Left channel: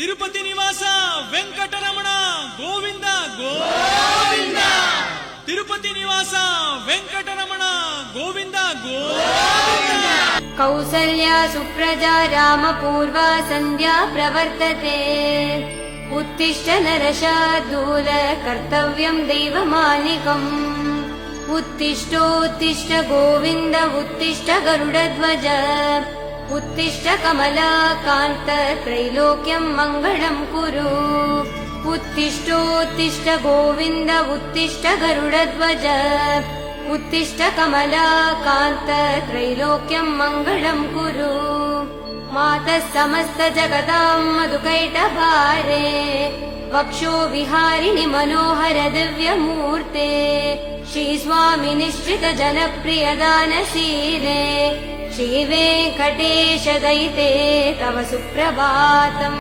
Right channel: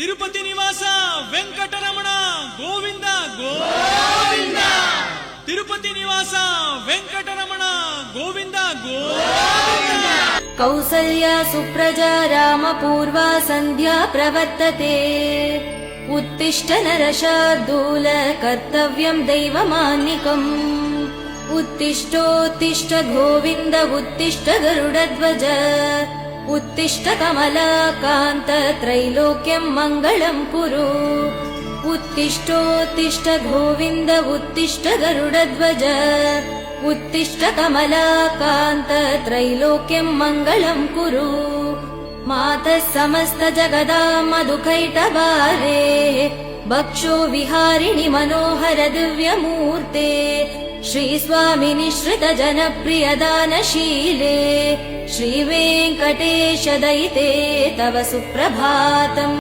ತಿರುಪತಿ ನಿವಾಸ ವೆಂಕಟರಮಣ ಗೋವಿಂದ ಗೋವಿಂದ. ತಿರುಪತಿ ನಿವಾಸ ವೆಂಕಟರಮಣ ಗೋವಿಂದ ಗೋವಿಂದ. ಕೌಸಲ್ಯಾ ಸುಪ್ರಜಾ ರಾಮಪೂರ್ವಾ ಸಂಧ್ಯಾ ಪ್ರವರ್ತತೆ. ಉತ್ತಿಷ್ಠ ನರಶಾರ್ದೂಲ ಕರ್ತವ್ಯಂ ದೈವಮಾನಿಕಂ. उत्तिष्ठोत्तिष्ठ गोविन्द उत्तिष्ठ गरुडध्वज. उत्तिष्ठ कमलाकान्त त्रैलोक्यं मङ्गलं कुरु. उत्तिष्ठोत्तिष्ठ गोविन्द उत्तिष्ठ गरुडध्वज. उत्तिष्ठ कमलाकान्त त्रैलोक्यं मङ्गलं कुरु. मातः समस्त जगदां मधुकैटभारे. भक्षो विहारिणि मनोहर दिव्यमूर्ते. श्री निश्रित जनप्रिय दानशीले. श्रीवेङ्कटेश दयिते तव सुप्रभातम्.